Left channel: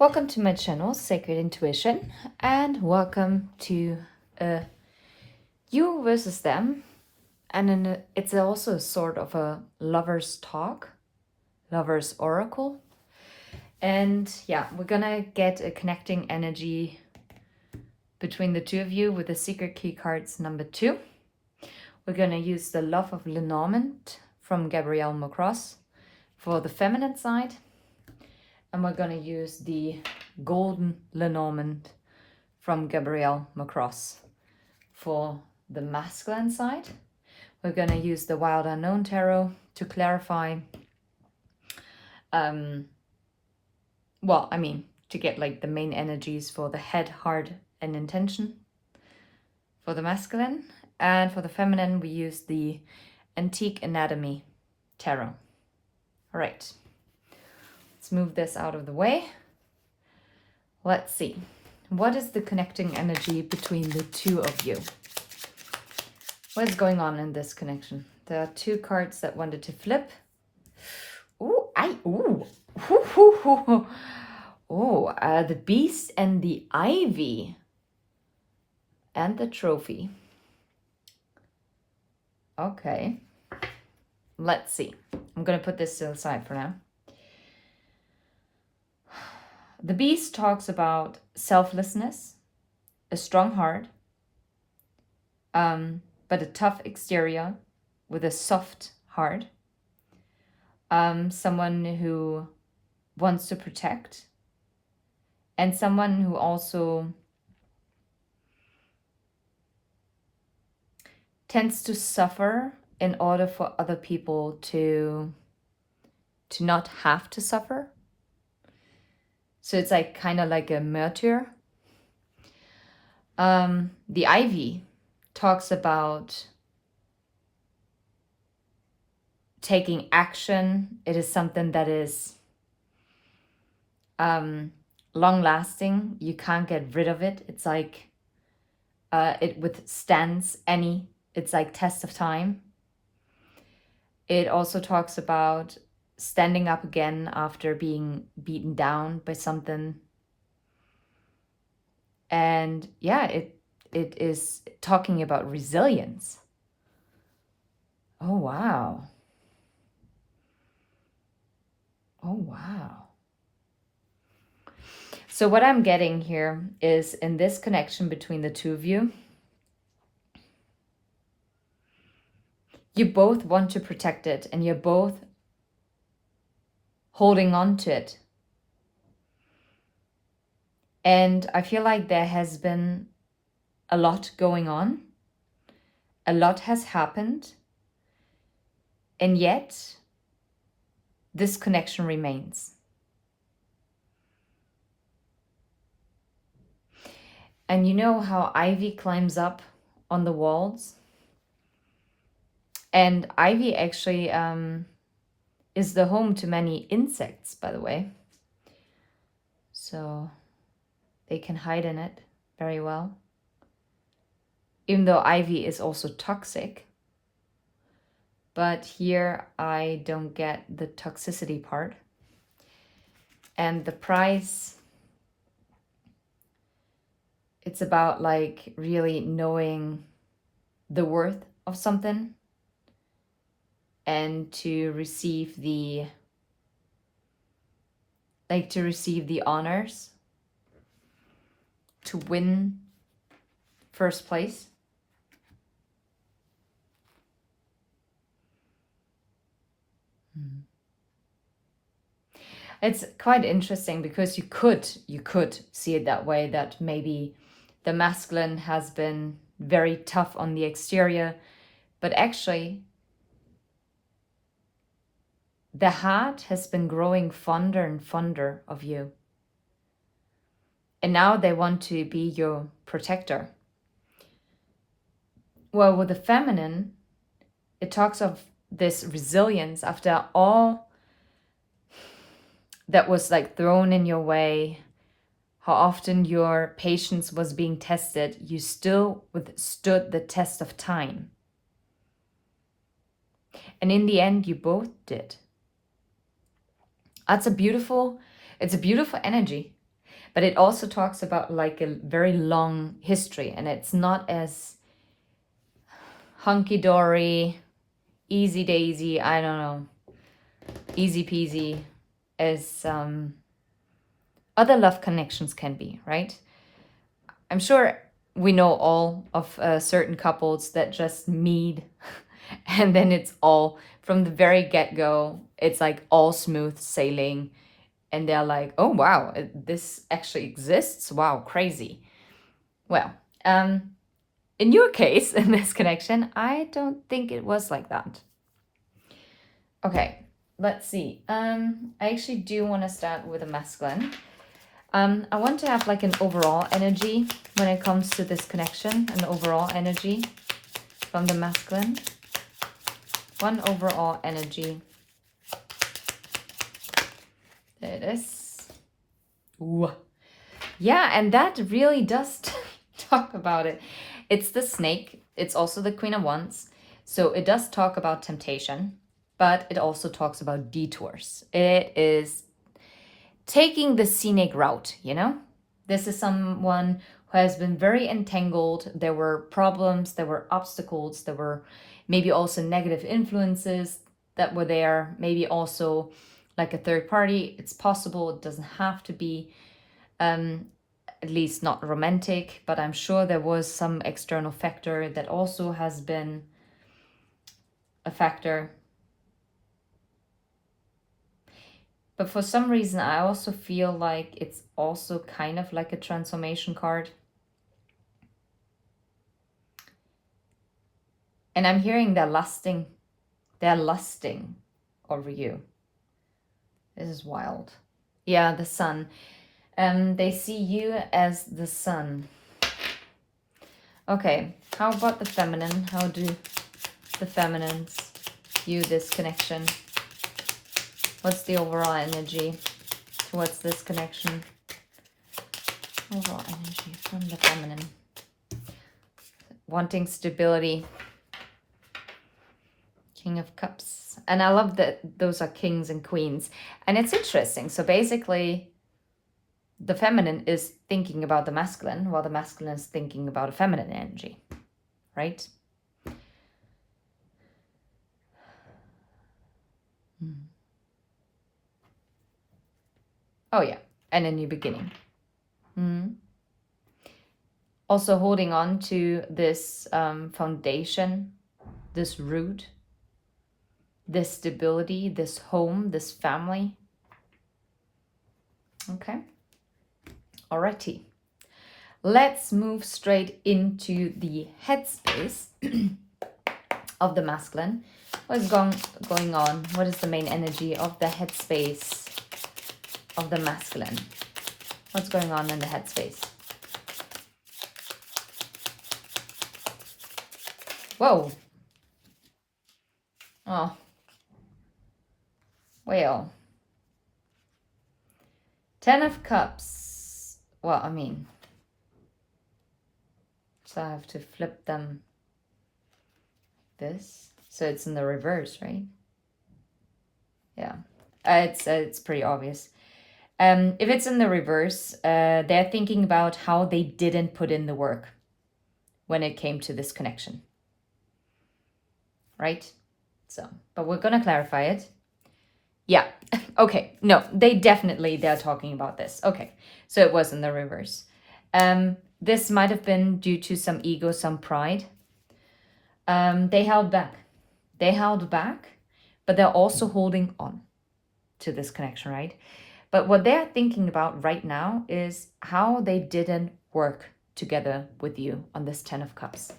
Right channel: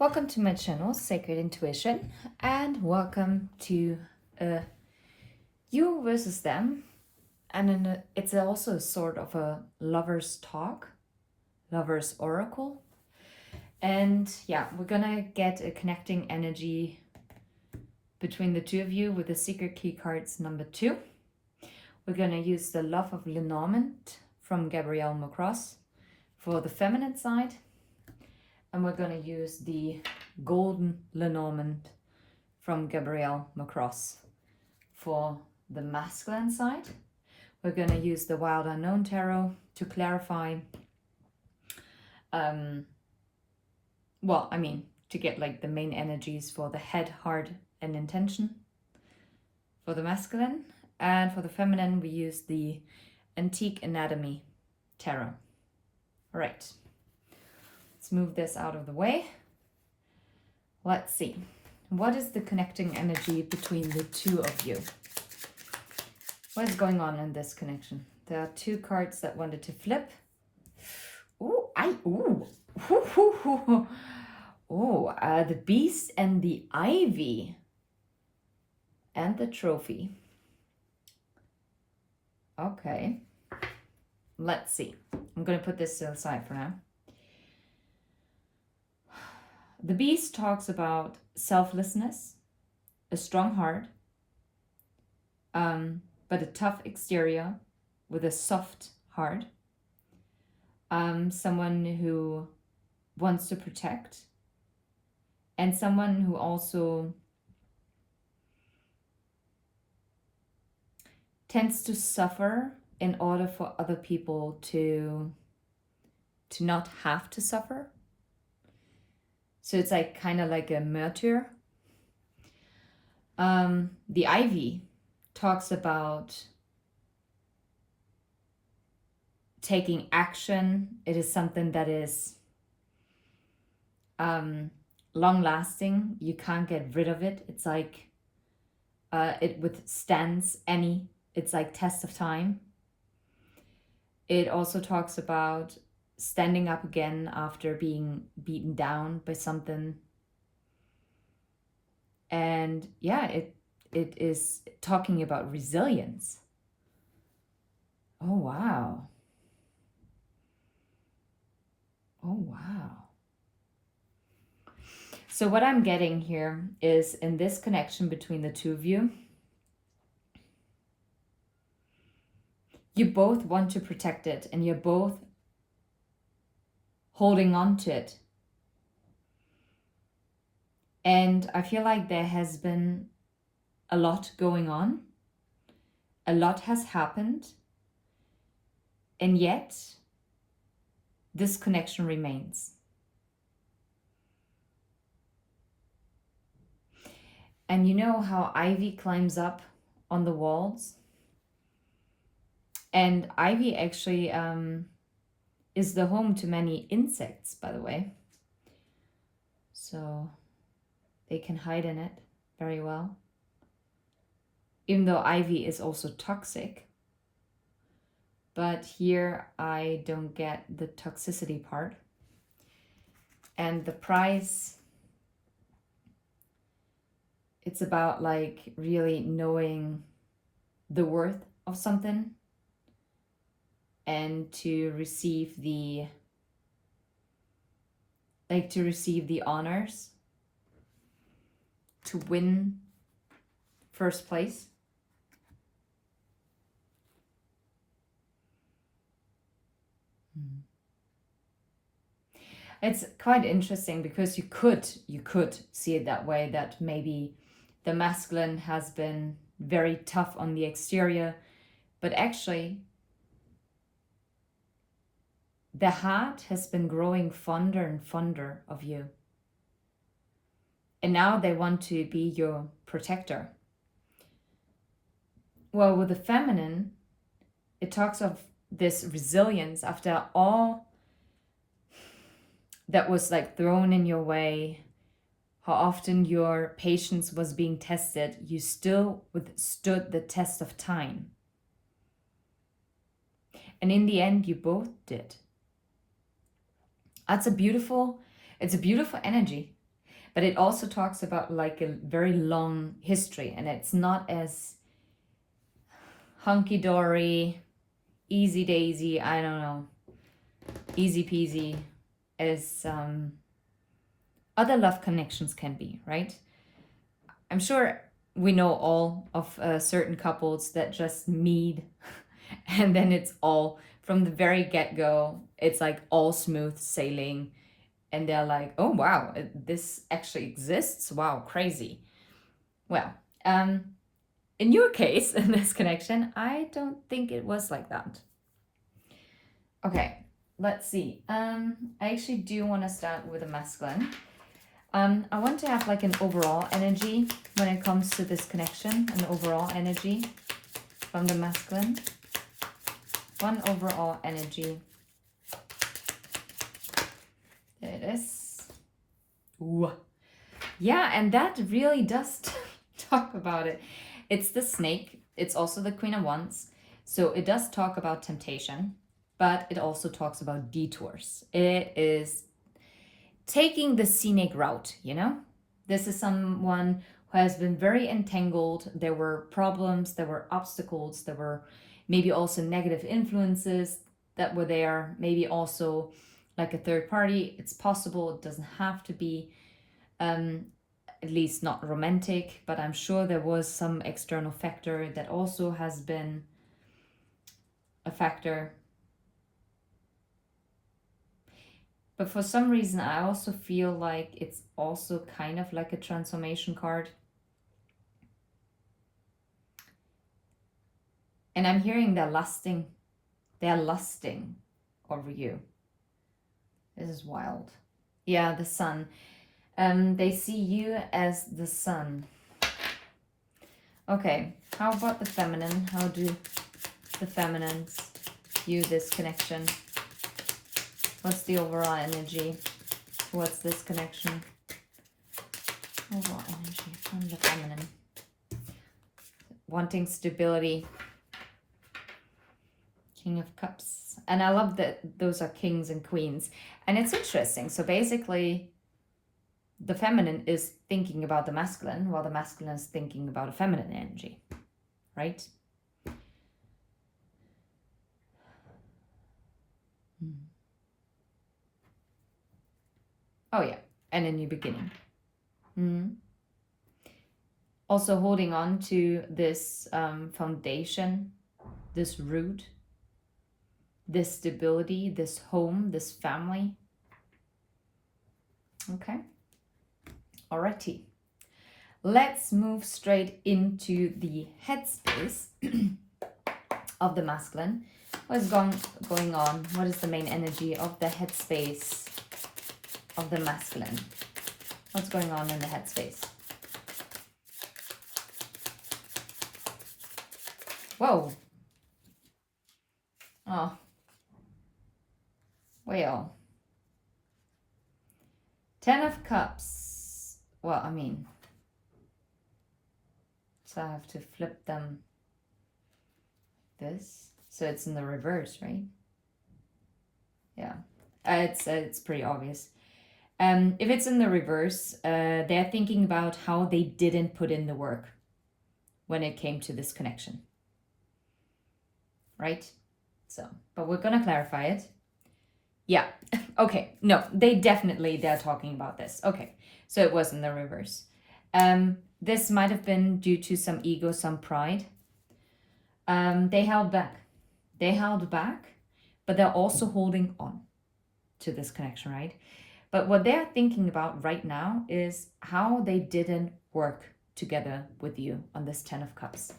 Welcome to my channel, Sacred Intuition, and welcome to You versus Them. And it's also sort of a lover's talk, lover's oracle. And yeah, we're gonna get a connecting energy between the two of you with the secret key cards number 2. We're gonna use the Love of Lenormand from Gabrielle Macross for the feminine side. And we're going to use the Golden Lenormand from Gabrielle Macross for the masculine side. We're going to use the Wild Unknown Tarot to clarify, to get like the main energies for the head, heart, and intention for the masculine. And for the feminine, we use the Antique Anatomy Tarot. All right. Let's move this out of the way. Let's see. What is the connecting energy between the two of you? What is going on in this connection? There are 2 cards that wanted to flip. The Beast and the Ivy. And the Trophy. Okay. Let's see. I'm going to put this to the side for now. The Beast talks about selflessness, a strong heart, but a tough exterior with a soft heart. Someone who wants to protect, and someone who also tends to suffer in order for other people to not have to suffer. So it's like kind of like a martyr. The Ivy talks about taking action. It is something that is long lasting. You can't get rid of it. It's like it withstands it's like test of time. It also talks about standing up again after being beaten down by something. And yeah, it is talking about resilience. Oh, wow. Oh, wow. So what I'm getting here is in this connection between the two of you, you both want to protect it and you're both holding on to it. And I feel like there has been a lot going on. A lot has happened. And yet, this connection remains. And you know how ivy climbs up on the walls? And ivy actually is the home to many insects, by the way. So they can hide in it very well. Even though ivy is also toxic. But here I don't get the toxicity part. And the price, it's about like really knowing the worth of something and to receive the honors, to win first place. It's quite interesting because you could see it that way, that maybe the masculine has been very tough on the exterior, but actually the heart has been growing fonder and fonder of you. And now they want to be your protector. Well, with the feminine, it talks of this resilience after all that was like thrown in your way, how often your patience was being tested, you still withstood the test of time. And in the end, you both did. It's a beautiful energy. But it also talks about like a very long history, and it's not as hunky-dory, easy daisy, I don't know, easy peasy as other love connections can be, right? I'm sure we know all of certain couples that just meet and then it's all from the very get-go, it's like all smooth sailing, and they're like, oh wow, this actually exists, wow, crazy. Well, in your case, in this connection, I don't think it was like that. Okay, let's see. I actually do want to start with a masculine. I want to have like an overall energy when it comes to this connection, an overall energy from the masculine. One overall energy. There it is. Ooh. Yeah, and that really does talk about it. It's the snake. It's also the Queen of Wands. So it does talk about temptation, but it also talks about detours. It is taking the scenic route, you know? This is someone who has been very entangled. There were problems, there were obstacles, there were maybe also negative influences that were there, maybe also like a third party. It's possible, it doesn't have to be, at least not romantic, but I'm sure there was some external factor that also has been a factor. But for some reason, I also feel like it's also kind of like a transformation card. And I'm hearing they're lusting over you. This is wild. Yeah, the sun. They see you as the sun. Okay, how about the feminine? How do the feminines view this connection? What's the overall energy towards this connection? Overall energy from the feminine. Wanting stability. King of Cups. And I love that those are kings and queens. And it's interesting. So basically, the feminine is thinking about the masculine, while the masculine is thinking about a feminine energy. Right? Oh yeah, and a new beginning. Also holding on to this foundation, this root, this stability, this home, this family. Okay. Alrighty. Let's move straight into the headspace of the masculine. What is going on? What is the main energy of the headspace of the masculine? What's going on in the headspace? Whoa. Oh. Well. 10 of Cups. Well, I mean, so I have to flip them this. So it's in the reverse, right? Yeah. It's pretty obvious. If it's in the reverse, they're thinking about how they didn't put in the work when it came to this connection. Right? So, but we're going to clarify it. Yeah. Okay. No, they're talking about this. Okay. So it was in the reverse. This might have been due to some ego, some pride. They held back. But they're also holding on to this connection, right? But what they're thinking about right now is how they didn't work together with you on this 10 of Cups.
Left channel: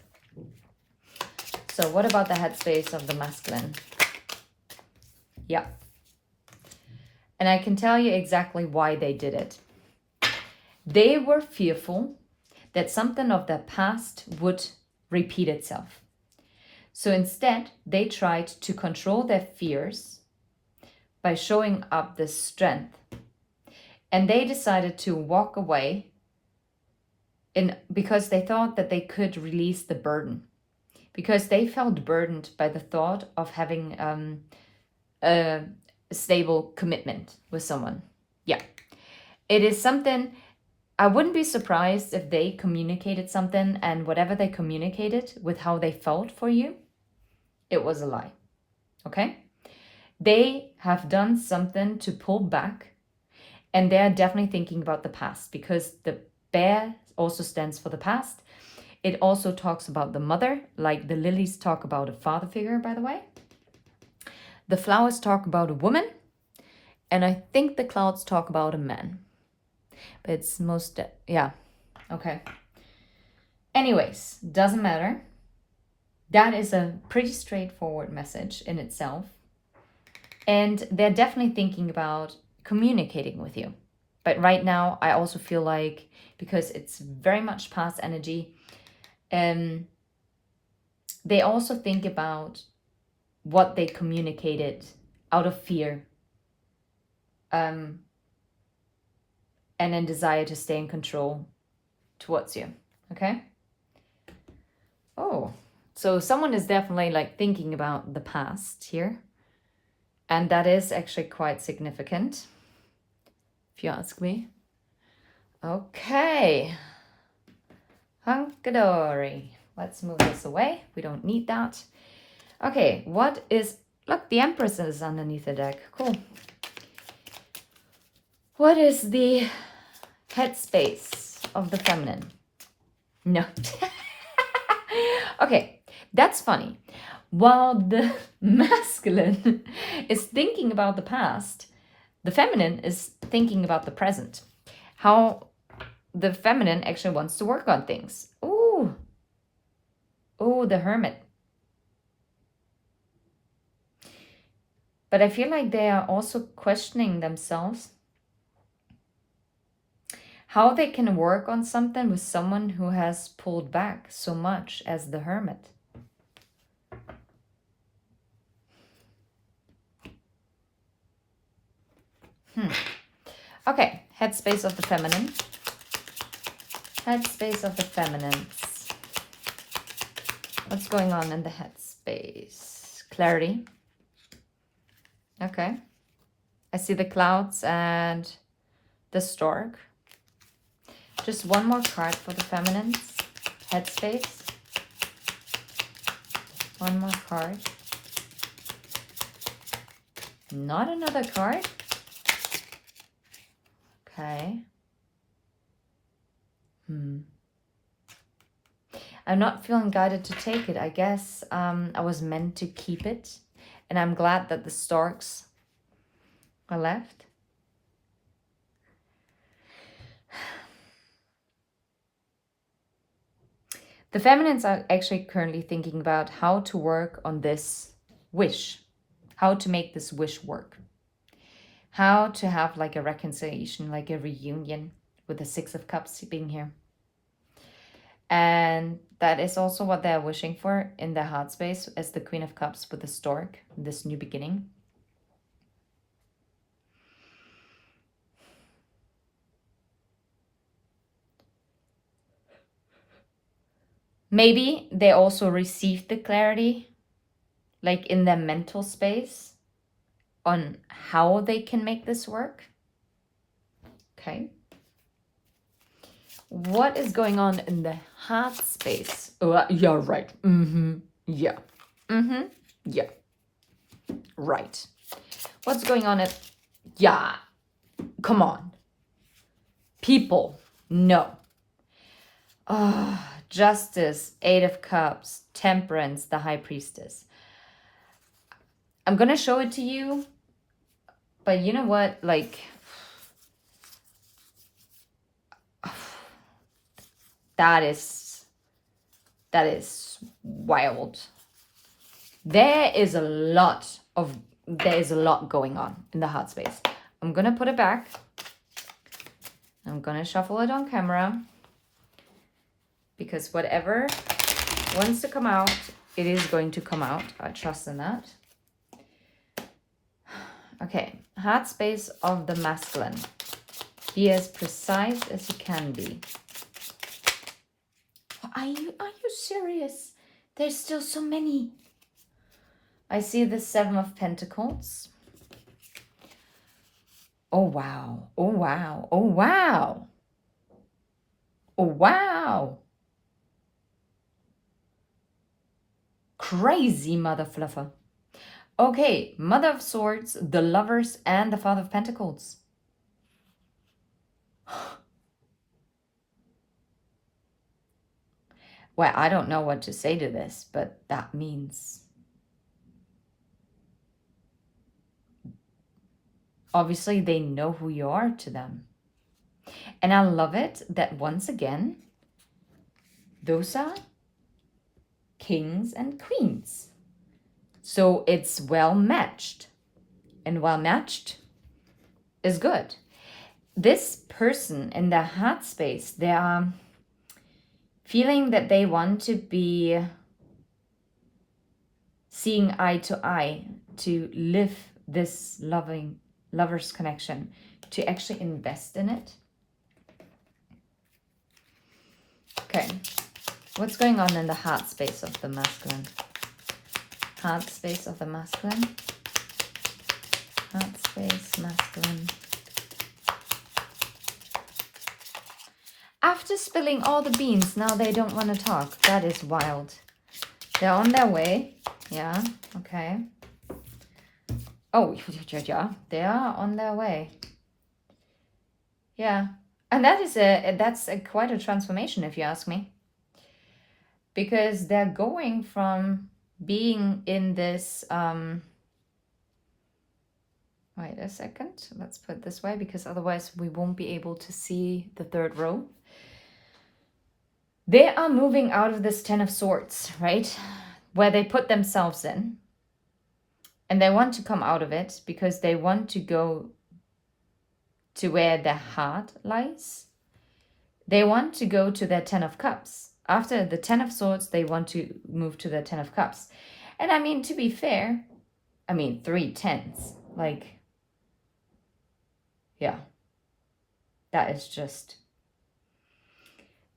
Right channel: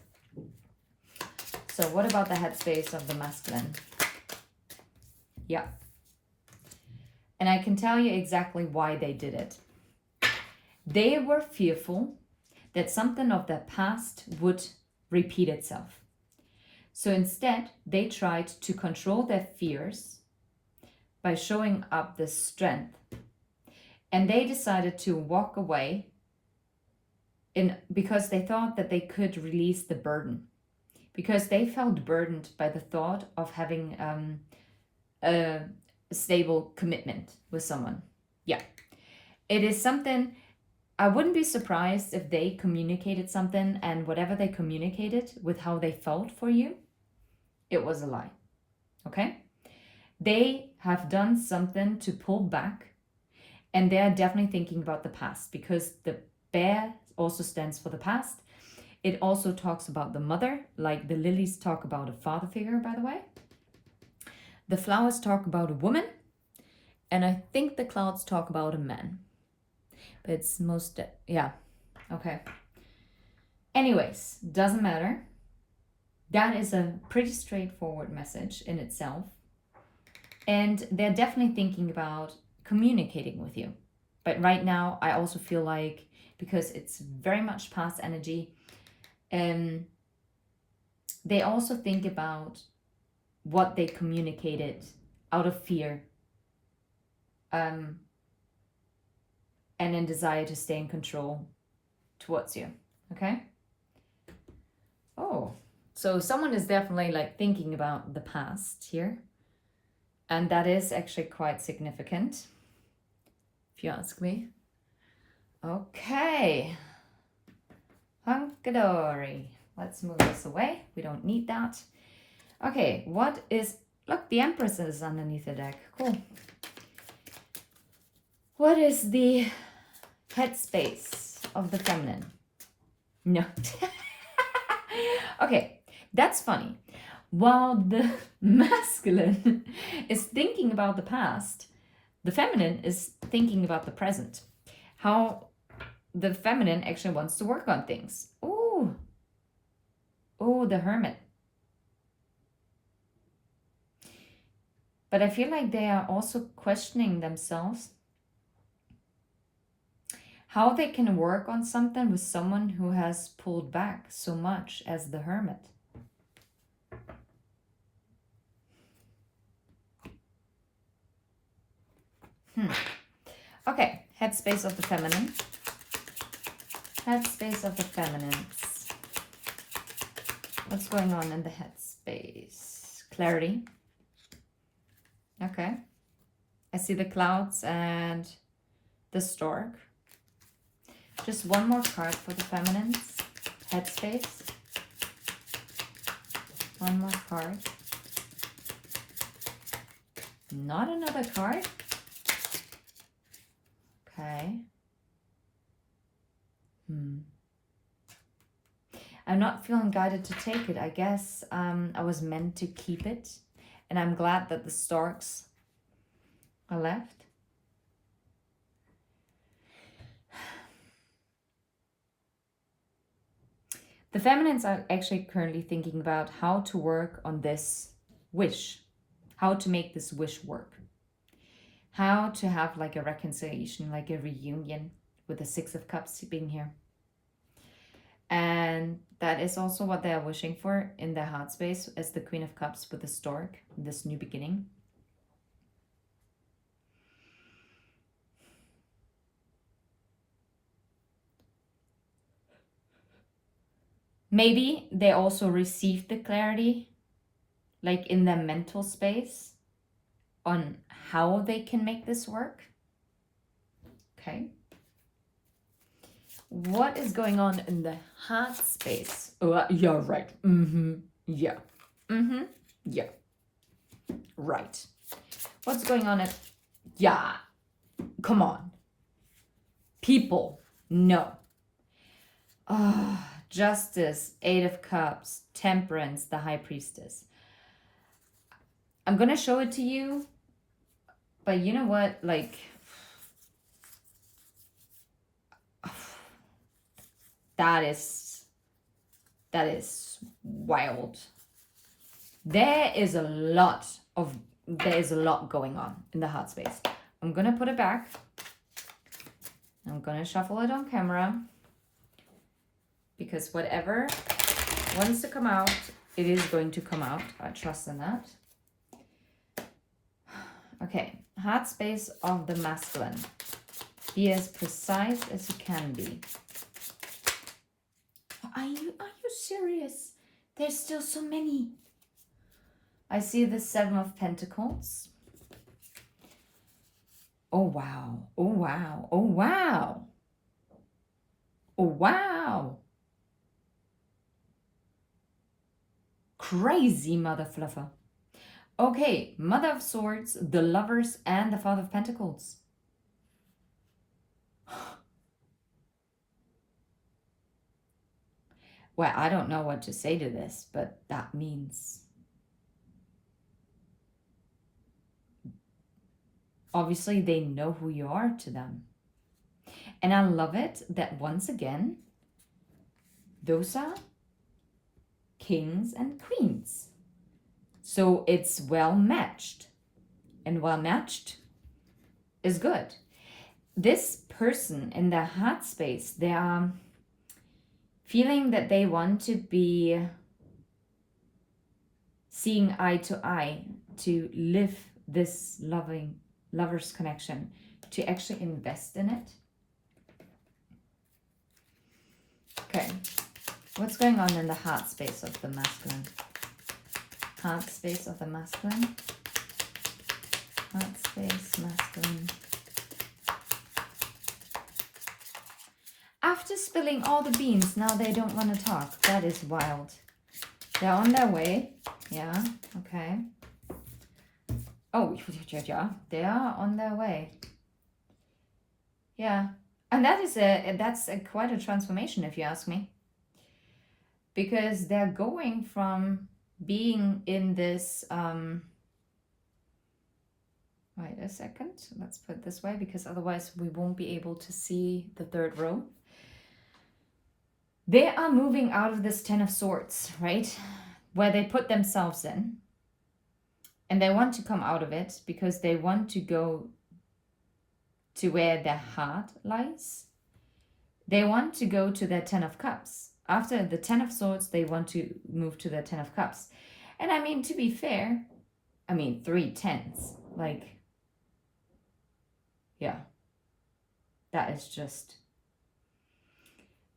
So what about the headspace of the masculine? Yeah. And I can tell you exactly why they did it. They were fearful that something of their past would repeat itself. So instead, they tried to control their fears by showing up this strength. And they decided to walk away because they thought that they could release the burden. Because they felt burdened by the thought of having a stable commitment with someone. Yeah. It is something I wouldn't be surprised if they communicated something, and whatever they communicated with how they felt for you, it was a lie. Okay? They have done something to pull back, and they're definitely thinking about the past, because the bear also stands for the past. It also talks about the mother, like the lilies talk about a father figure, by the way. The flowers talk about a woman, and I think the clouds talk about a man. But it's most, yeah, okay. Anyways, doesn't matter. That is a pretty straightforward message in itself. And they're definitely thinking about communicating with you. But right now, I also feel like, because it's very much past energy, they also think about what they communicated out of fear, and a desire to stay in control towards you. Okay? Oh, so someone is definitely like thinking about the past here. And that is actually quite significant, if you ask me. Okay. Hunkadory. Let's move this away. We don't need that. Okay, what is... Look, the Empress is underneath the deck. Cool. What is the headspace of the feminine? No. Okay, that's funny. While the masculine is thinking about the past, the feminine is thinking about the present. How the feminine actually wants to work on things. Ooh. Oh, the Hermit. But I feel like they are also questioning themselves how they can work on something with someone who has pulled back so much as the Hermit. Okay, headspace of the feminine. Headspace of the feminines. What's going on in the headspace? Clarity. Okay. I see the clouds and the stork. Just one more card for the feminines. Headspace. One more card. Not another card. Okay. I'm not feeling guided to take it. I guess I was meant to keep it. And I'm glad that the storks are left. The feminines are actually currently thinking about how to work on this wish. How to make this wish work. How to have like a reconciliation, like a reunion with the Six of Cups being here. And that is also what they're wishing for in their heart space as the Queen of Cups with the stork, this new beginning. Maybe they also received the clarity, like in their mental space, on how they can make this work. Okay. What is going on in the heart space? Oh, yeah, right. Yeah. Yeah. Right. What's going on at... Yeah. Come on. People. No. Justice, Eight of Cups, Temperance, the High Priestess. I'm gonna show it to you, but you know what? Like, that is wild. There is a lot going on in the heart space. I'm gonna put it back. I'm gonna shuffle it on camera, because whatever wants to come out, it is going to come out. I trust in that. Okay, heart space of the masculine. Be as precise as you can be. Are you serious? There's still so many. I see the Seven of Pentacles. Oh wow, oh wow, oh wow. Oh, wow. Crazy mother fluffer. Okay, Mother of Swords, the Lovers, and the Father of Pentacles. Well, I don't know what to say to this, but that means obviously they know who you are to them. And I love it that once again, those are kings and queens. So it's well matched. And well matched is good. This person in their heart space, they are feeling that they want to be seeing eye to eye, to live this loving lover's connection, to actually invest in it. Okay, what's going on in the heart space of the masculine? Heart space of the masculine. Heart space, masculine. After spilling all the beans, now they don't want to talk. That is wild. They're on their way. Yeah, okay. Oh, yeah, they are on their way. Yeah, and that's quite a transformation, if you ask me. Because they're going from being in this... Wait a second. Let's put it this way, because otherwise we won't be able to see the third row. They are moving out of this Ten of Swords, right? Where they put themselves in. And they want to come out of it because they want to go to where their heart lies. They want to go to their Ten of Cups. After the Ten of Swords, they want to move to their Ten of Cups. And I mean, to be fair, I mean, 3 tens. Like, yeah. That is just...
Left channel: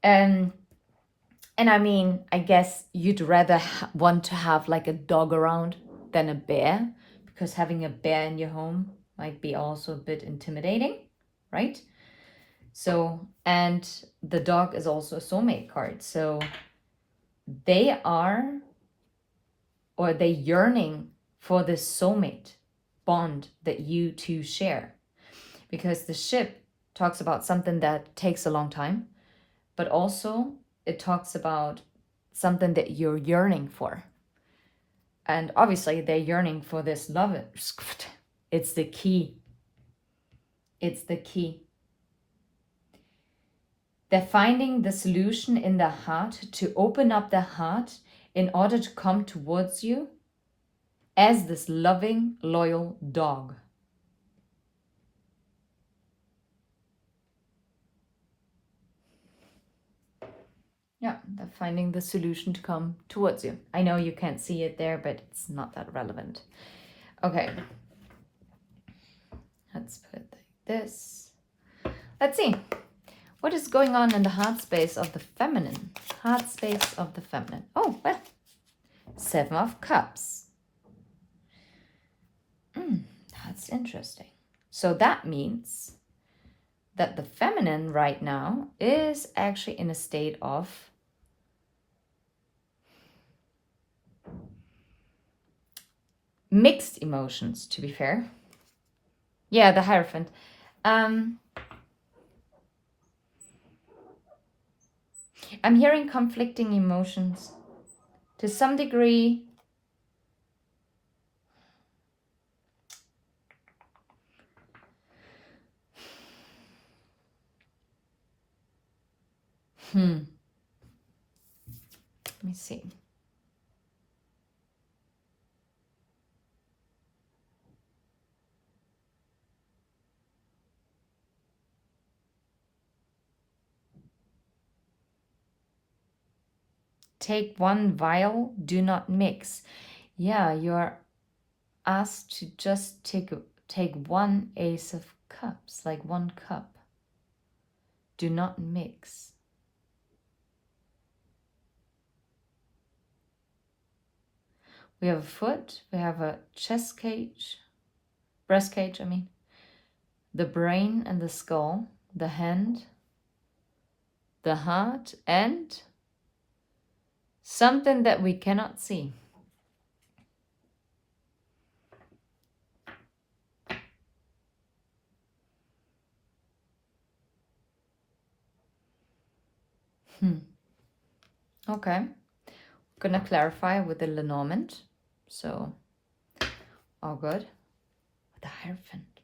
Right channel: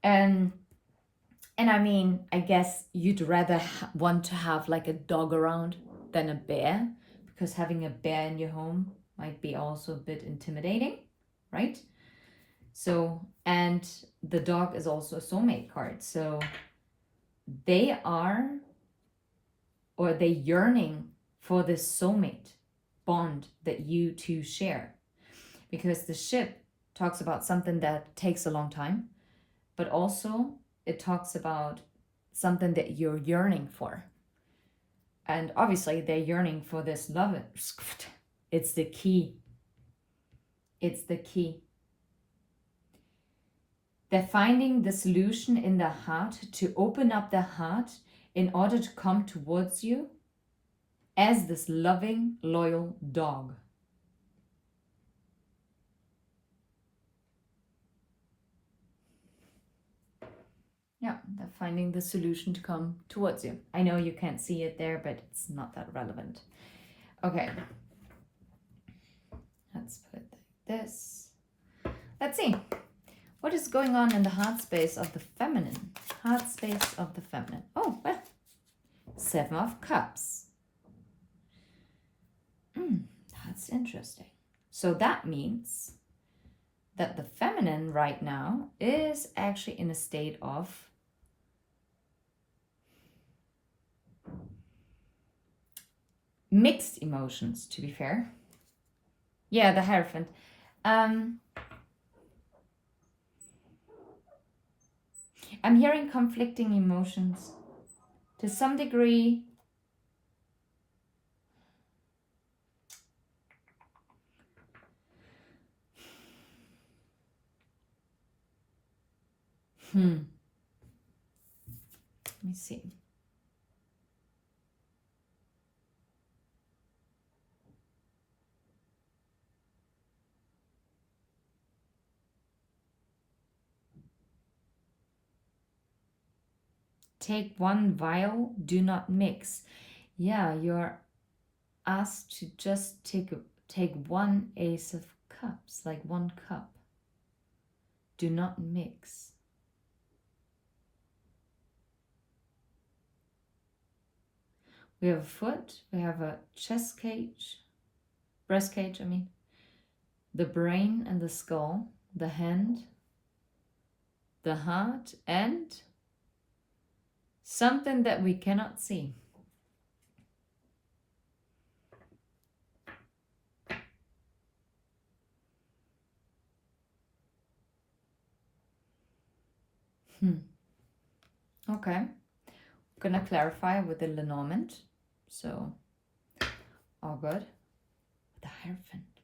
And I mean, I guess you'd rather want to have like a dog around than a bear, because having a bear in your home might be also a bit intimidating, right? So, and the dog is also a soulmate card. So they are, or they're yearning for this soulmate bond that you two share. Because the ship talks about something that takes a long time, but also it talks about something that you're yearning for. And obviously they're yearning for this love. It's the key. It's the key. They're finding the solution in their heart, to open up their heart in order to come towards you as this loving, loyal dog. Yeah, they're finding the solution to come towards you. I know you can't see it there, but it's not that relevant. Okay. Let's put it like this. Let's see. What is going on in the heart space of the feminine? Heart space of the feminine. Oh, well. 7 of Cups. That's interesting. So that means that the feminine right now is actually in a state of mixed emotions, to be fair. Yeah, the Hierophant. I'm hearing conflicting emotions. To some degree, let me see. Take one vial, do not mix. Yeah, you're asked to just take one Ace of Cups, like 1 cup. Do not mix. We have a foot, we have a chest cage, breast cage, I mean, the brain and the skull, the hand, the heart, and something that we cannot see. Okay. Gonna clarify with the Lenormand. So, all good. The Hierophant.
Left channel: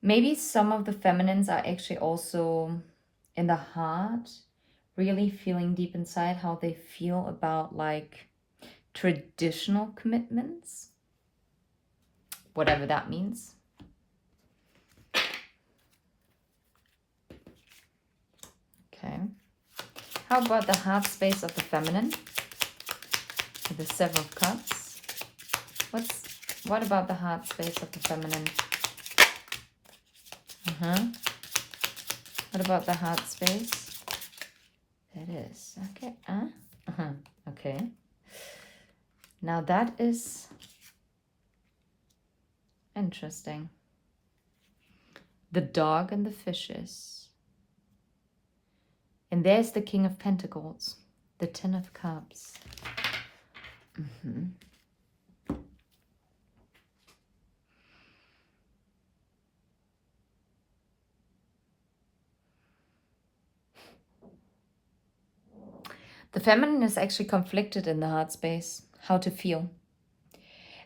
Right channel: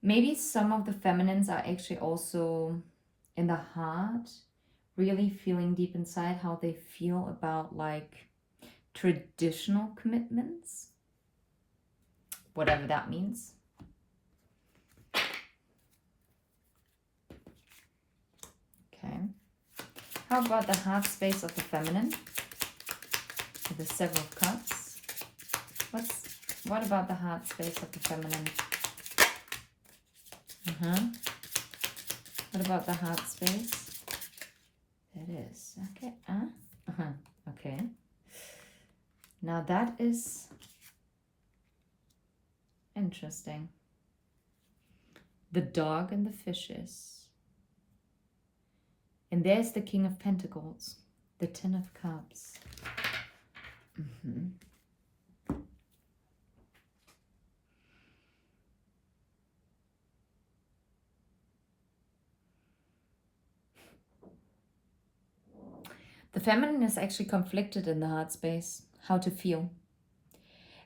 Maybe some of the feminines are actually also in the heart, really feeling deep inside how they feel about like traditional commitments, whatever that means. Okay. How about the heart space of the feminine? The Seven of Cups. What about the heart space of the feminine? What about the heart space? That is okay. Okay. Now that is interesting. The dog and the fishes. And there's the King of Pentacles, the Ten of Cups. The feminine is actually conflicted in the heart space, how to feel.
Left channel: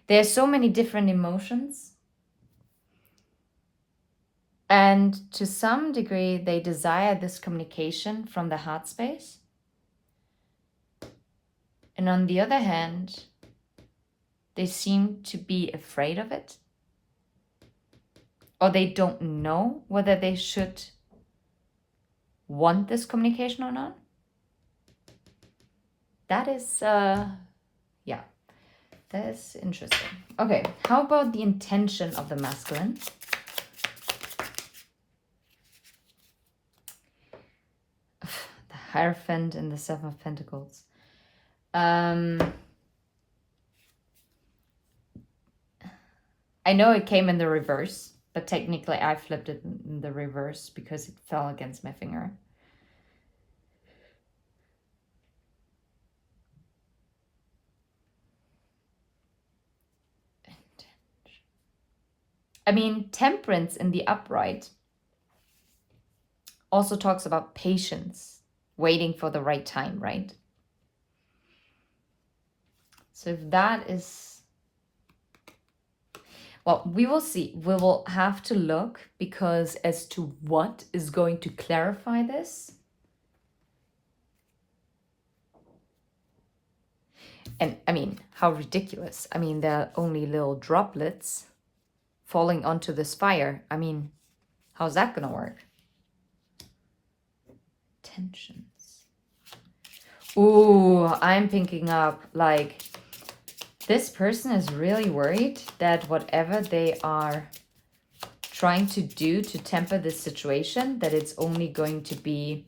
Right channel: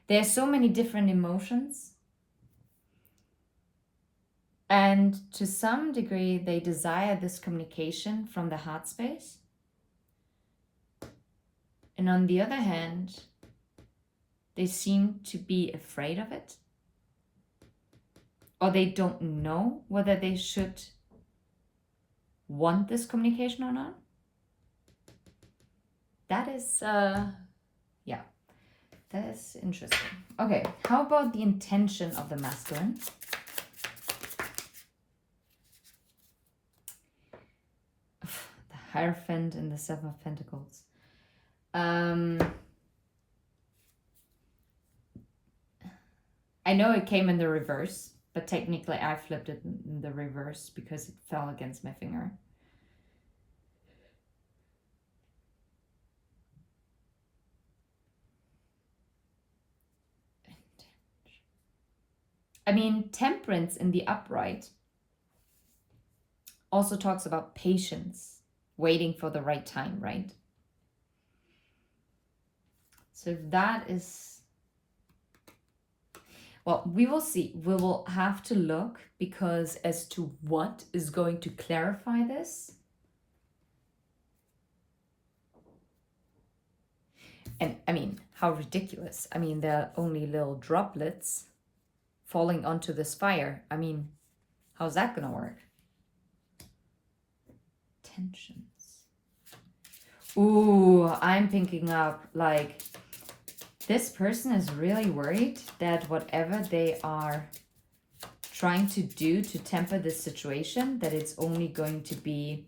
There's so many different emotions. And to some degree, they desire this communication from the heart space. And on the other hand, they seem to be afraid of it. Or they don't know whether they should want this communication or not. That is, yeah, that is interesting. Okay, how about the intention of the masculine? The Hierophant and the Seven of Pentacles. I know it came in the reverse, but technically I flipped it in the reverse because it fell against my finger. I mean, Temperance in the upright also talks about patience, waiting for the right time, right? So if that is, well, we will see. We will have to look because as to what is going to clarify this. And I mean, how ridiculous. I mean, they're only little droplets falling onto this fire. I mean, how's that gonna work? Tensions. Ooh, I'm picking up like this person is really worried that whatever they are trying to do to temper this situation, that it's only going to be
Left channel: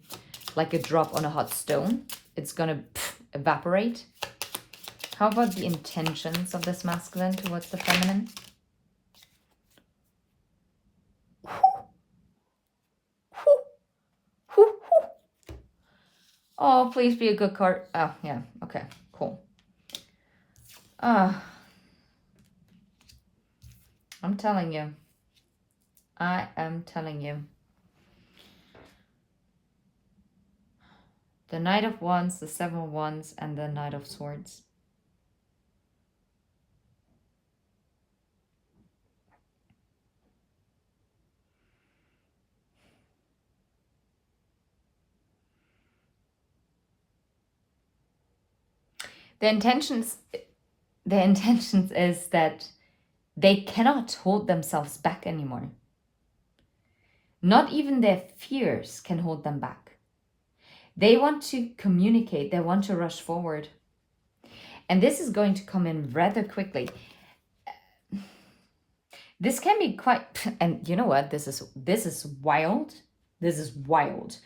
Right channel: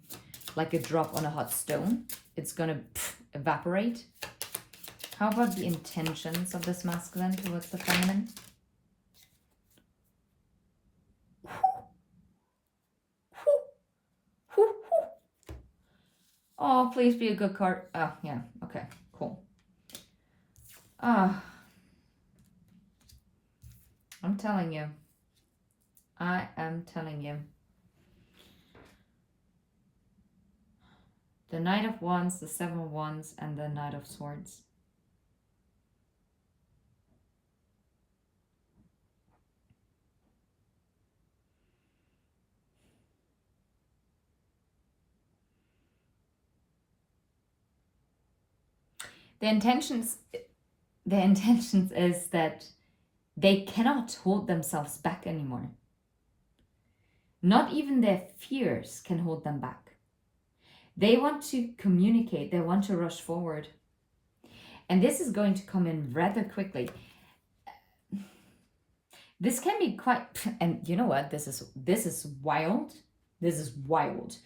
like a drop on a hot stone. It's gonna evaporate. How about the intentions of this masculine towards the feminine? Oh, please be a good card. Oh, yeah. Okay, cool. I'm telling you. I am telling you. The Knight of Wands, the Seven of Wands, and the Knight of Swords. The intentions is that they cannot hold themselves back anymore. Not even their fears can hold them back. They want to communicate. They want to rush forward. And this is going to come in rather quickly. This can be quite, and you know what? This is wild. This is wild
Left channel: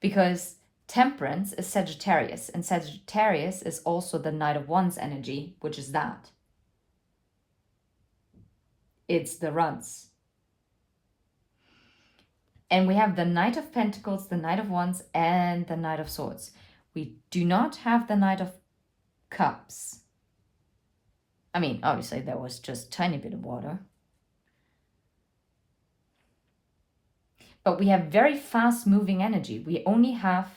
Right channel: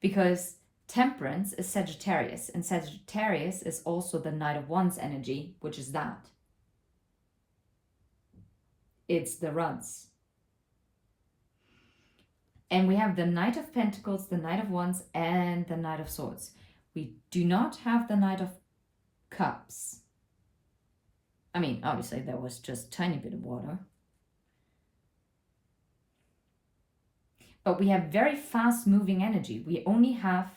because Temperance is Sagittarius, and Sagittarius is also the Knight of Wands energy, which is that. It's the runs. And we have the Knight of Pentacles, the Knight of Wands, and the Knight of Swords. We do not have the Knight of Cups. I mean, obviously there was just a tiny bit of water. But we have very fast moving energy. We only have,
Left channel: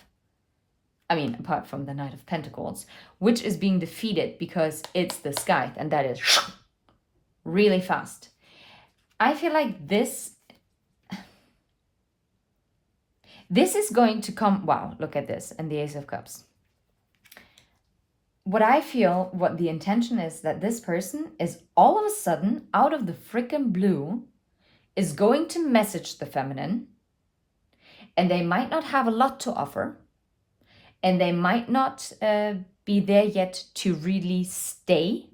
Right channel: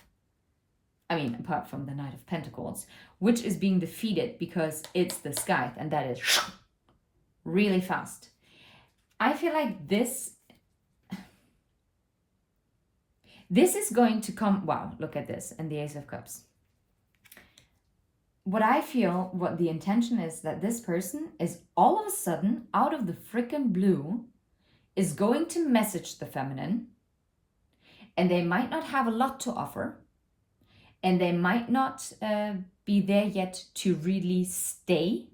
I mean, apart from the Knight of Pentacles, which is being defeated because it's the Scythe, and that is really fast. I feel like this is going to come, wow, look at this, and the Ace of Cups. What I feel, what the intention is, that this person is all of a sudden, out of the freaking blue, is going to message the feminine, and they might not have a lot to offer, and they might not be there yet to really stay,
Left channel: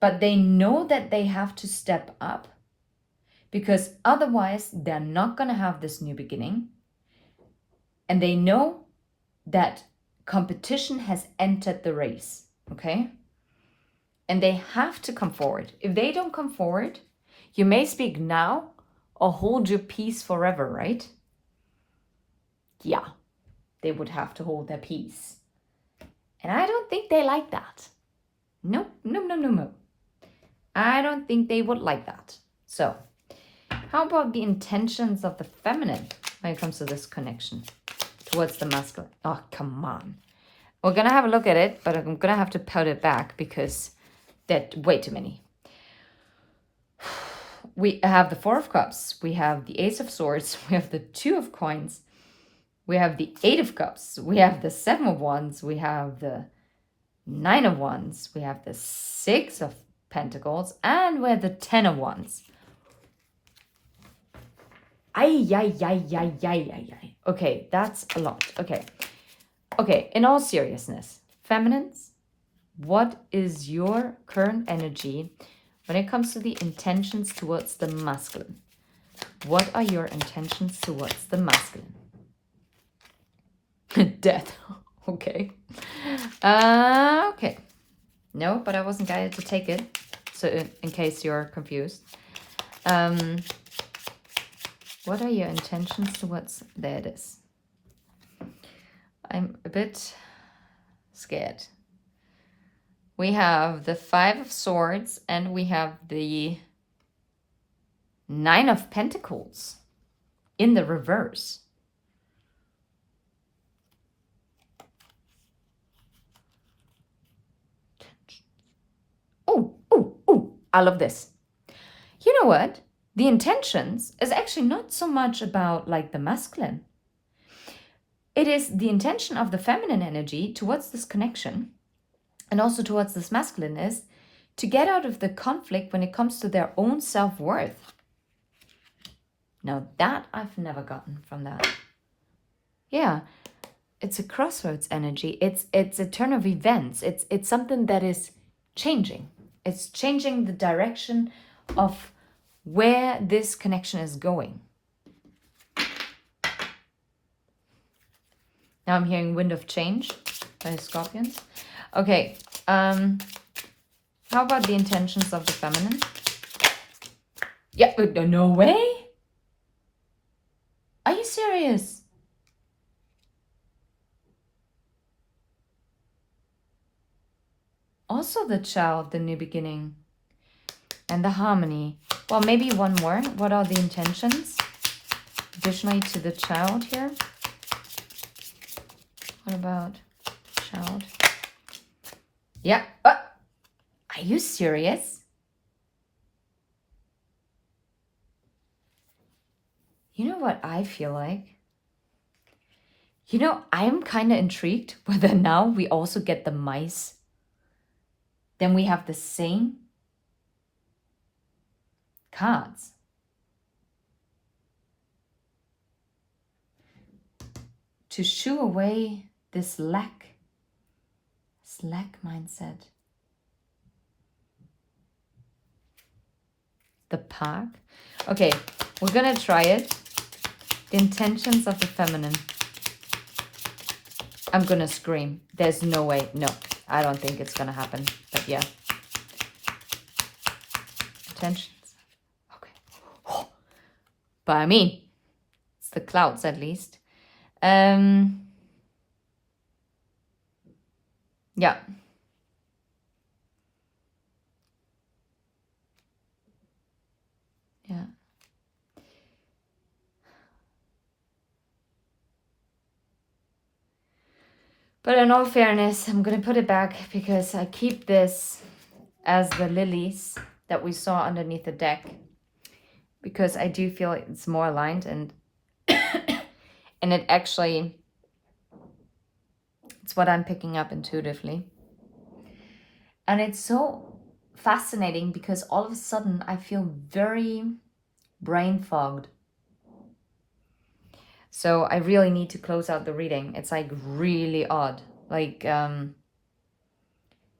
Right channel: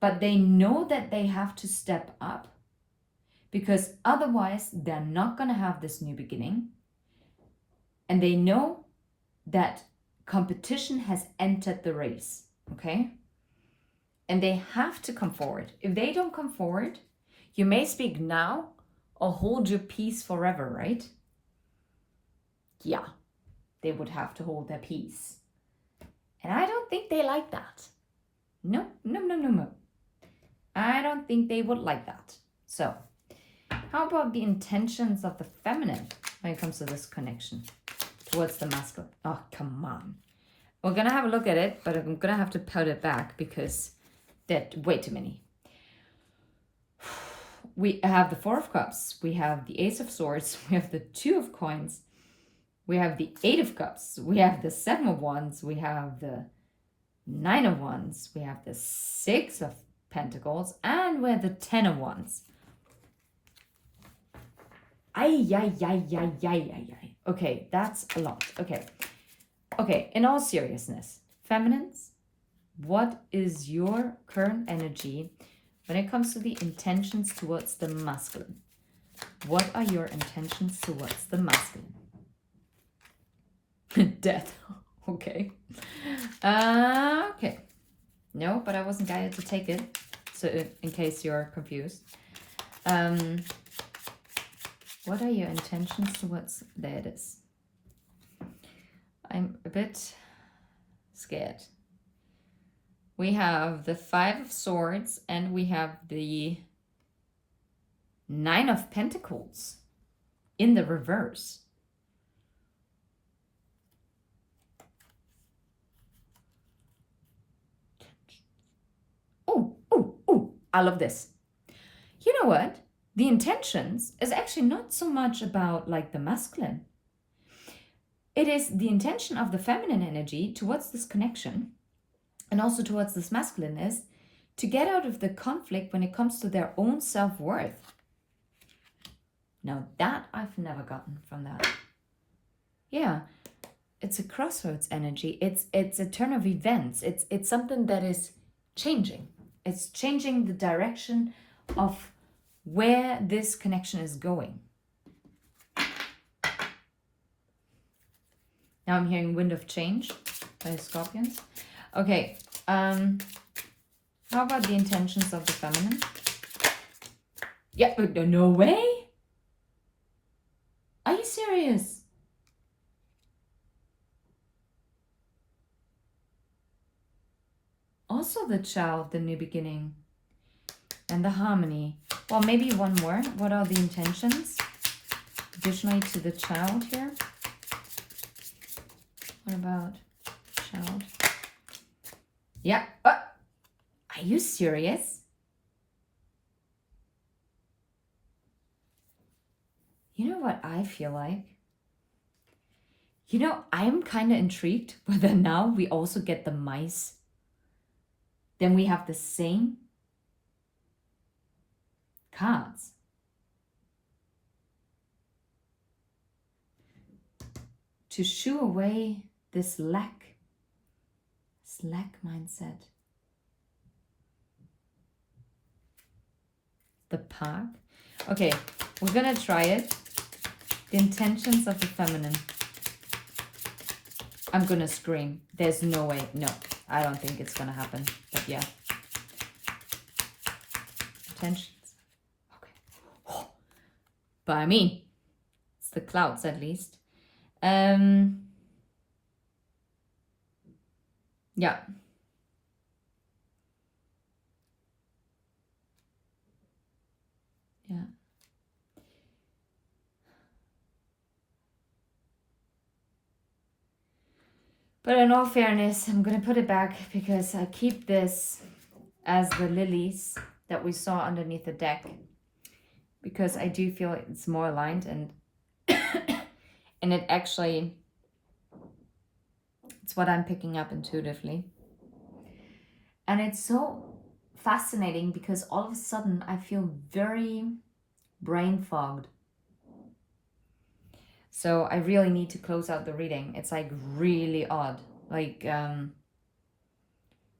but they know that they have to step up, because otherwise they're not going to have this new beginning. And they know that competition has entered the race, okay? And they have to come forward. If they don't come forward, you may speak now or hold your peace forever, right? Yeah, they would have to hold their peace. And I don't think they like that. No. I don't think they would like that. So, how about the intentions of the feminine when it comes to this connection towards the masculine? Oh, come on. We're going to have a look at it, but I'm going to have to put it back because there's way too many. We have the Four of Cups. We have the Ace of Swords. We have the Two of Coins. We have the Eight of Cups. We have the Seven of Wands. We have the Nine of Wands. We have the Six of Pentacles. And we have the Ten of Wands. Okay, that's a lot. Okay, in all seriousness, feminines, what is your current energy when it comes to the intentions towards the masculine? What are your intentions towards the masculine? Death. Okay. Okay. No, but I wasn't guided to take it. So in case you're confused. What are your intentions towards... There it is. I'm a bit scared. We have the Five of Swords and we have the Nine of Pentacles in the reverse. Oh, I love this. You know what? The intentions is actually not so much about like the masculine. It is the intention of the feminine energy towards this connection and also towards this masculine is to get out of the conflict when it comes to their own self-worth. Now that I've never gotten from that. Yeah, it's a crossroads energy. It's a turn of events. It's something that is changing. It's changing the direction of where this connection is going. Now I'm hearing Wind of Change by Scorpions. Okay, how about the intentions of the feminine? Yeah, no way? Are you serious? Also the child, the new beginning, and the harmony. Well, maybe one more. What are the intentions? Additionally to the child here. What about child? Yeah. Are you serious? You know what I feel like? You know, I'm kind of intrigued whether now we also get the mice. Then we have the same cards. To shoo away this lack mindset. The park. Okay, we're gonna try it. The intentions of the feminine. I'm gonna scream. There's no way. No, I don't think it's gonna happen. But yeah. Intentions. Okay. Oh, But I mean, it's the clouds at least. Yeah. Yeah. But in all fairness, I'm going to put it back because I keep this as the lilies that we saw underneath the deck, because I do feel it's more aligned, and and it actually, it's what I'm picking up intuitively. And it's so fascinating because all of a sudden I feel very brain fogged. So I really need to close out the reading. It's like really odd. Like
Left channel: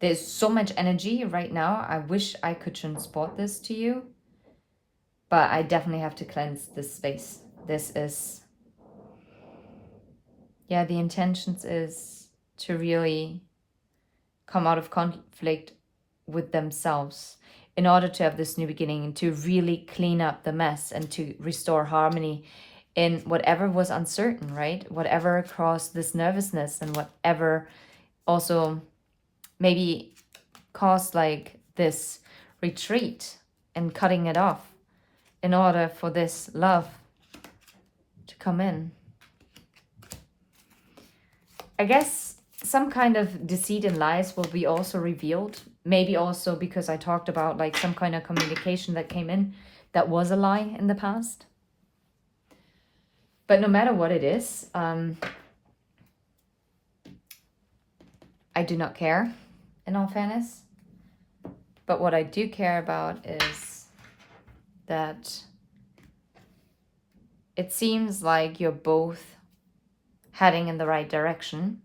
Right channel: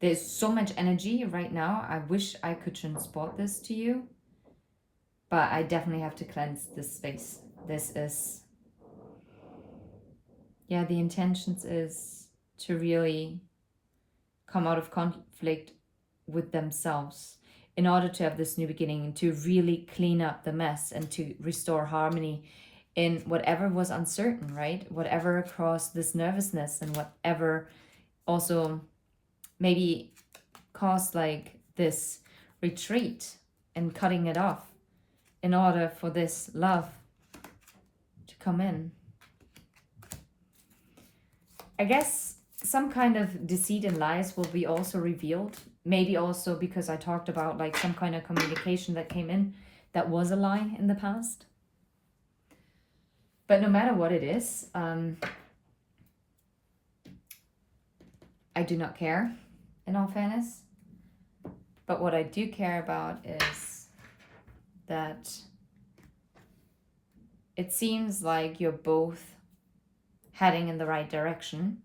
there's so much energy right now. I wish I could transport this to you, but I definitely have to cleanse this space. This is, yeah, the intentions is to really come out of conflict with themselves in order to have this new beginning and to really clean up the mess and to restore harmony in whatever was uncertain, right? Whatever caused this nervousness and whatever also maybe caused like this retreat and cutting it off in order for this love to come in. I guess some kind of deceit and lies will be also revealed. Maybe also because I talked about like some kind of communication that came in that was a lie in the past. But no matter what it is, I do not care, in all fairness. But what I do care about is that it seems like you're both heading in the right direction.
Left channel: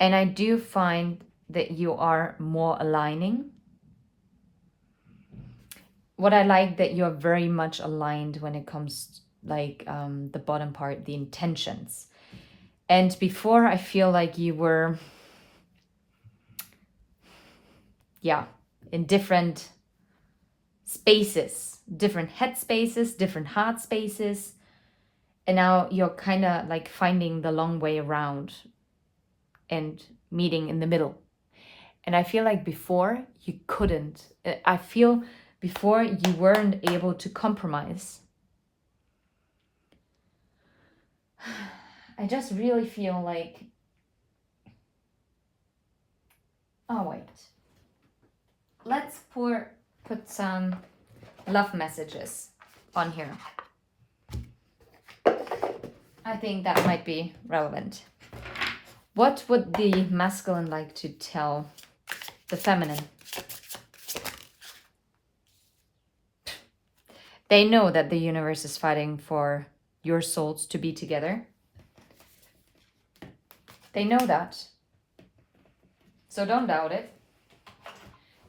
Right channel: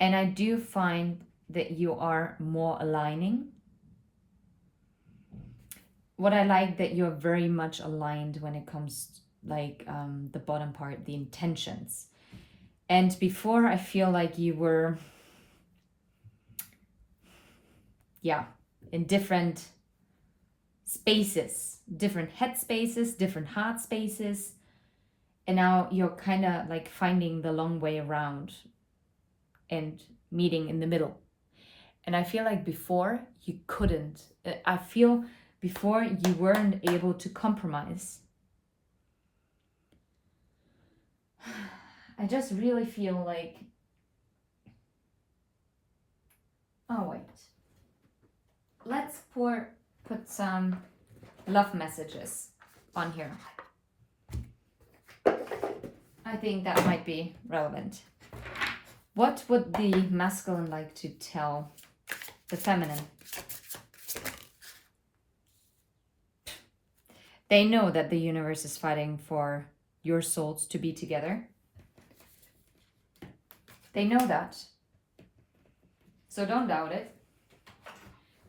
And I do find that you are more aligning. What I like that you're very much aligned when it comes like the bottom part, the intentions. And before I feel like you were, yeah, in different spaces, different head spaces, different heart spaces. And now you're kind of like finding the long way around and meeting in the middle. And I feel like before you couldn't. I feel before you weren't able to compromise. I just really feel like, oh wait, let's put some love messages on here. I think that might be relevant. What would the masculine like to tell the feminine? They know that the universe is fighting for your souls to be together. They know that. So don't doubt it.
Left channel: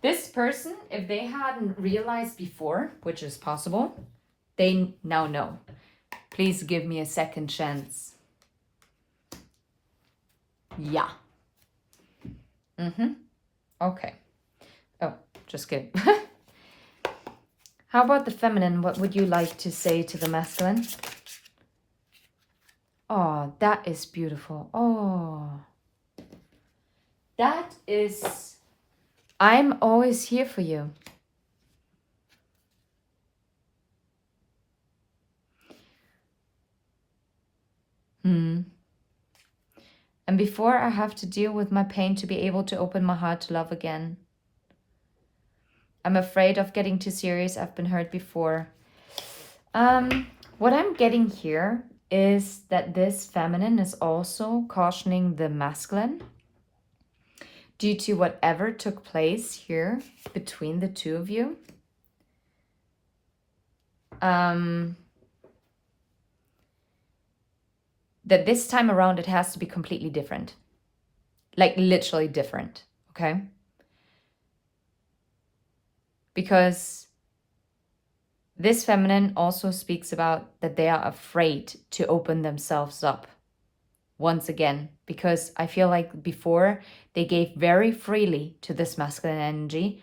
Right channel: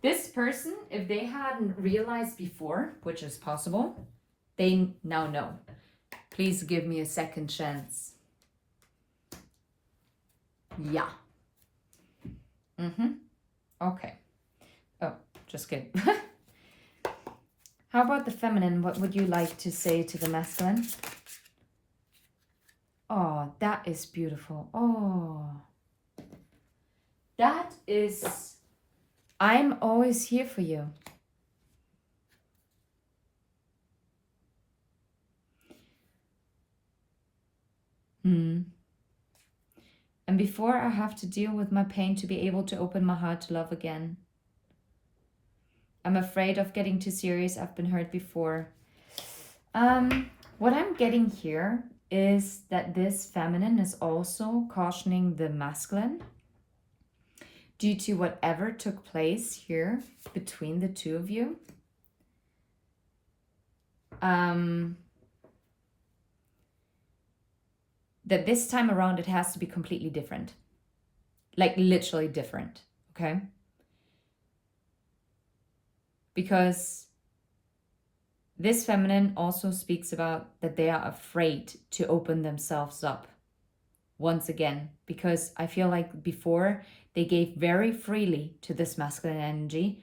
This person, if they hadn't realized before, which is possible, they now know. Please give me a second chance. Yeah. Okay. Oh, just kidding. How about the feminine? What would you like to say to the masculine? Oh, that is beautiful. Oh. That is... I'm always here for you. And before I have to deal with my pain to be able to open my heart to love again. I'm afraid of getting too serious. I've been hurt before. What I'm getting here is that this feminine is also cautioning the masculine due to whatever took place here between the two of you. That this time around it has to be completely different. Like literally different, okay? Because this feminine also speaks about that they are afraid to open themselves up once again. Because I feel like before they gave very freely to this masculine energy,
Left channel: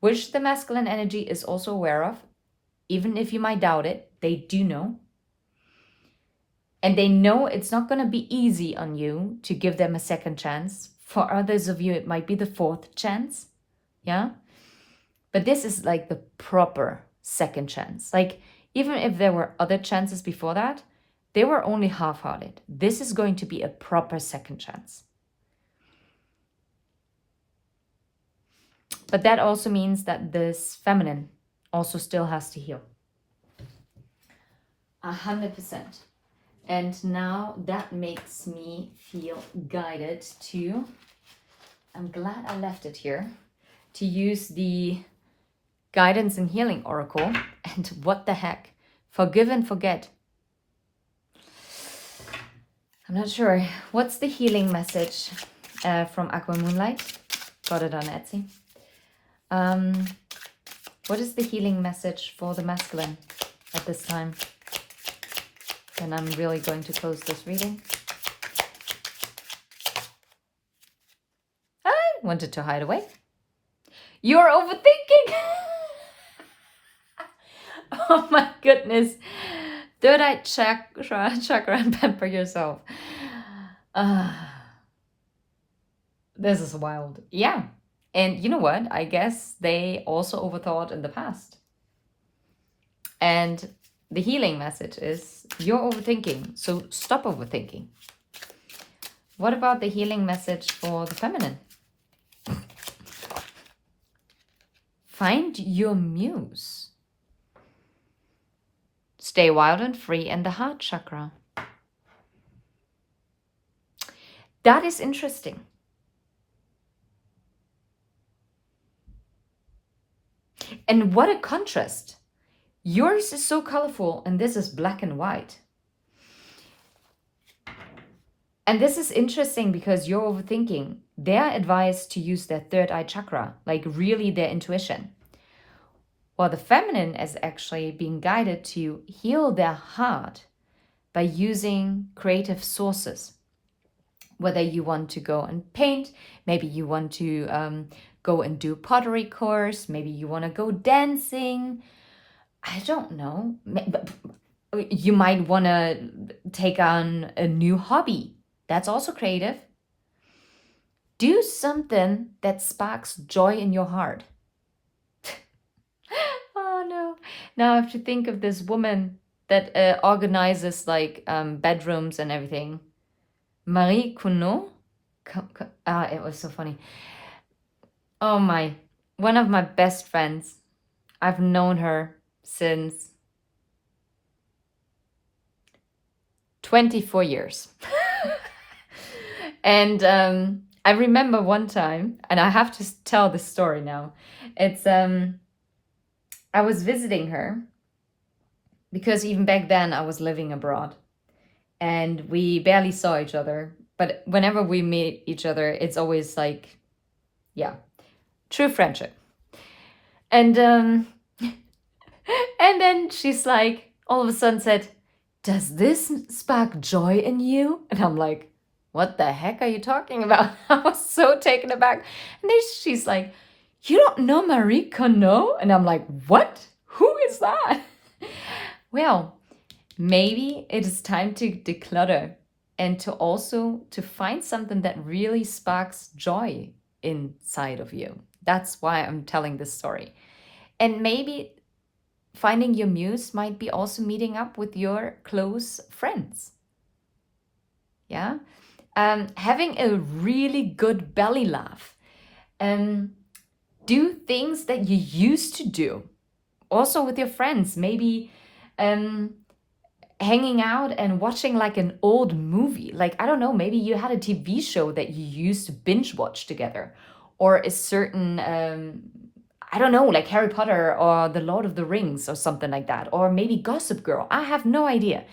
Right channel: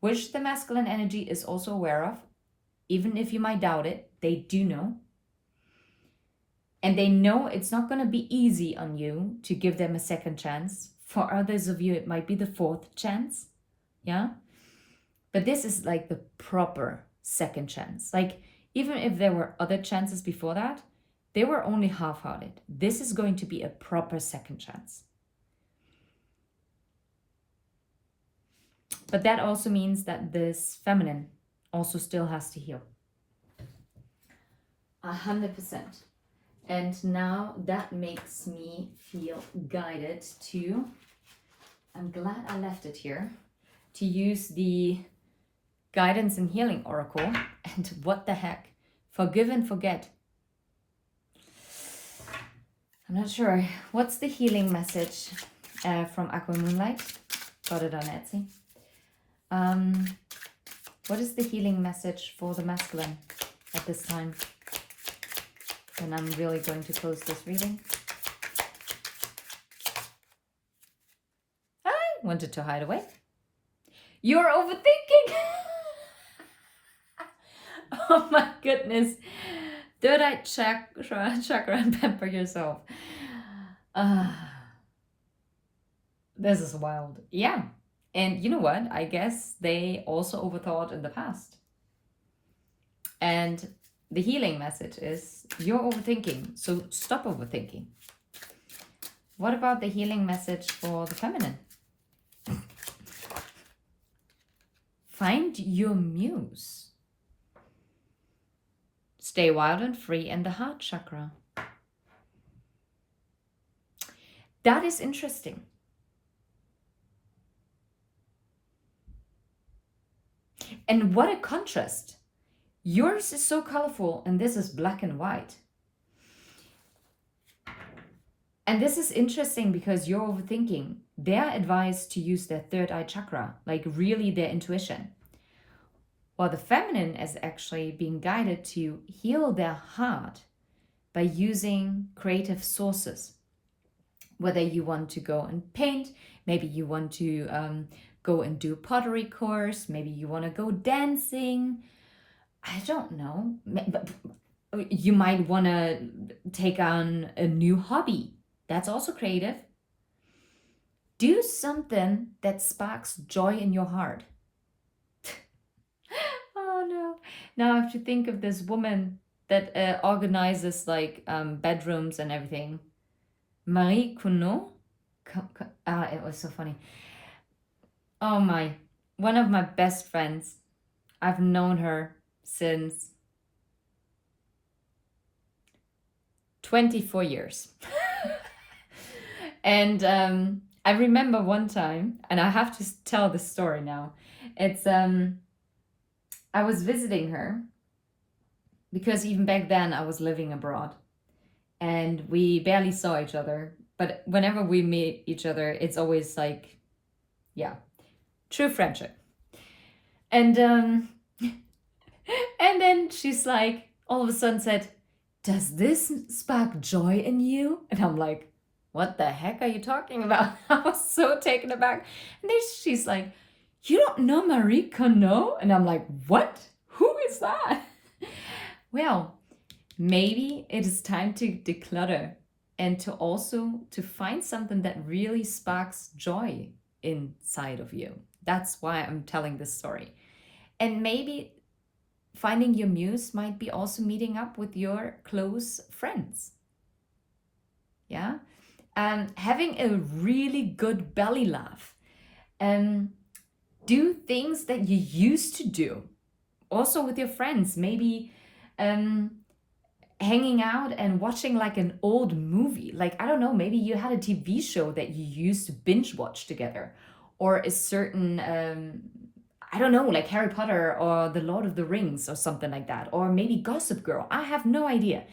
which the masculine energy is also aware of. even if you might doubt it, they do know. And they know it's not going to be easy on you to give them a second chance. For others of you, it might be the fourth chance. Yeah. But this is like the proper second chance. Like, even if there were other chances before that, they were only half-hearted. This is going to be a proper second chance. But that also means that this feminine also still has to heal. 100%. And now that makes me feel guided to, I'm glad I left it here, to use the Guidance and Healing Oracle. And what the heck? Forgive and forget. I'm not sure. What's the healing message from Aqua Moonlight? Got it on Etsy. What is the healing message for the masculine at this time? And I'm really going to close this reading. I wanted to hide away. You're overthinking. Oh my goodness. Third eye chakra and pamper yourself. This is wild. Yeah. And you know what? I guess they also overthought in the past. And the healing message is you're overthinking. So stop overthinking. What about the healing message for the feminine? Find your muse. Stay wild and free in the heart chakra. That is interesting. And what a contrast. Yours is so colorful and this is black and white. And this is interesting because you're overthinking. They're advised to use their third eye chakra, like really their intuition. While the feminine is actually being guided to heal their heart by using creative sources. Whether you want to go and paint, maybe you want to go and do a pottery course, maybe you want to go dancing. I don't know. You might want to take on a new hobby. That's also creative. Do something that sparks joy in your heart. Oh no. Now I have to think of this woman that organizes like bedrooms and everything. Marie Cuno? It was so funny. Oh my. One of my best friends. I've known her since 24 years. And I remember one time, and I have to tell this story now. It's I was visiting her because even back then I was living abroad and we barely saw each other. But whenever we meet each other, it's always like, yeah, true friendship. And and then she's like, all of a sudden said, "Does this spark joy in you?" And I'm like, what the heck are you talking about? I was so taken aback. And then she's like, "You don't know Marie Kondo?" And I'm like, what? Who is that? Well, maybe it is time to declutter and to also to find something that really sparks joy inside of you. That's why I'm telling this story. And maybe finding your muse might be also meeting up with your close friends. Yeah. Having a really good belly laugh. Do things that you used to do. Also with your friends. Maybe hanging out and watching like an old movie. Like, I don't know, maybe you had a TV show that you used to binge watch together. Or a certain, I don't know, like Harry Potter or The Lord of the Rings or something like that. Or maybe Gossip Girl. I have no idea.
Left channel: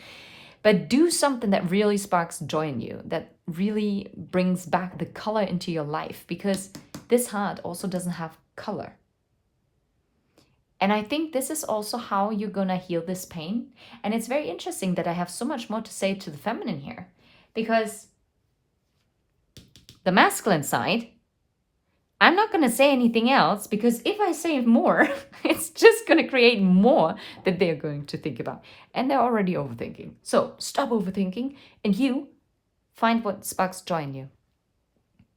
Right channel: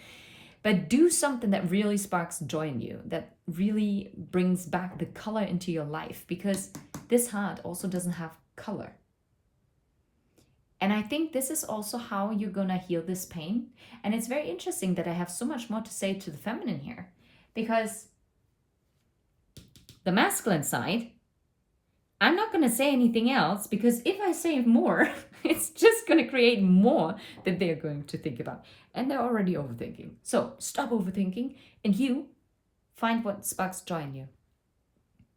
But do something that really sparks joy in you, that really brings back the color into your life, because this heart also doesn't have color. And I think this is also how you're gonna heal this pain. And it's very interesting that I have so much more to say to the feminine here, because the masculine side, I'm not going to say anything else, because if I say more, it's just going to create more that they're going to think about. And they're already overthinking. So stop overthinking, and you find what sparks joy in you.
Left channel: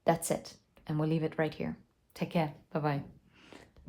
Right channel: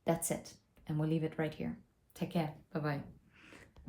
That's it. And we'll leave it right here. Take care. Bye bye.